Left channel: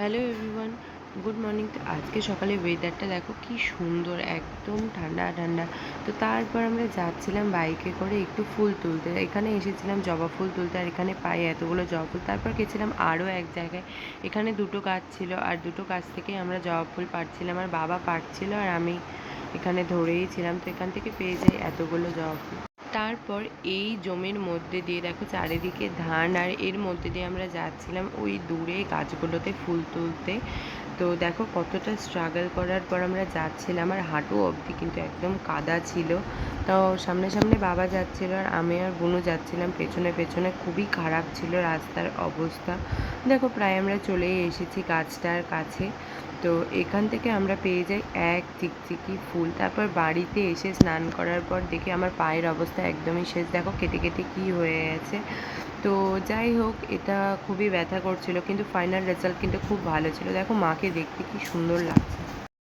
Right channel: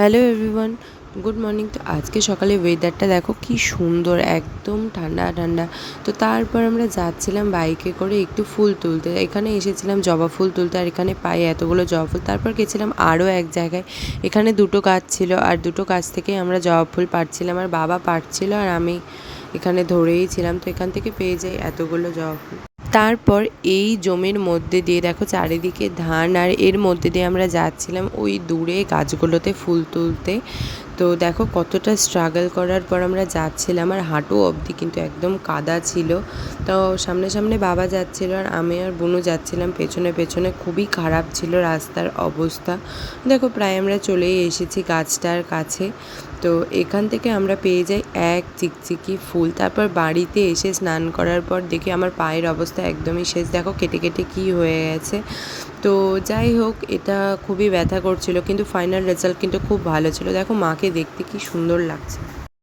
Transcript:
Hello everyone, good morning. তো আজকে সকালে ওয়েদারটা দেখো কি সুন্দর, একদম ঠান্ডা ঠান্ডা। তো তারপর আমরা যাচ্ছিলাম বাইকে করে একটু ফুল তুলতে। এখানে এসেছিলাম জবা ফুল তুলতে, আর এখানে পাই এতগুলো জবা ফুল। তারপর গেছিলাম আরও এক জায়গায়, এখানে দুটো গাছ ছিল, আর দুটো গাছ থেকে আমরা জবা ফুল পাড়ছিলাম। আর বাবা পাড়ছিল আর আমি এখানে ধরেই ছিলাম। তো এখান থেকে পেয়ে যাই এতগুলো জবা ফুল। তারপর এই জমির মধ্যে দিয়ে দেখো চারিদিকে ধান, আর এর মধ্যে দিয়ে আমরা যাচ্ছিলাম ওই দূরে গাছগুলোতে ফুল তুলতে। তো দেখো কতটা স্ট্রাগল করার পর আমরা যাচ্ছিলাম, আর হাঁটু অবধি কিন্তু একদম কাদা ছিল। তো সামনে সামনে বাবা যাচ্ছিল, আর আমি আর বোনও যাচ্ছিলাম পেছনে পেছনে। খুবই খারাপ ছিল রাস্তার অবস্থা। দেখো প্রায় আমরা চলেই এসেছি গাছটার কাছে। তো এখান থেকে আমরা পেয়ে যাই এক চিকচিকি ফুল। তারপর বাড়িতে এসে স্নান করার পর দেখি আমার পায়ের অবস্থা একদমই শেষ, দেখো কেটে কেটে কী হয়ে গেছে। তো যাই হোক, এটা খুবই ব্যথা করছিল, কিন্তু ফাইনাল রেজাল্ট কিন্তু খুব ভালো ছিল। দেখো মাকে দেখতে কি সুন্দর লাগছে।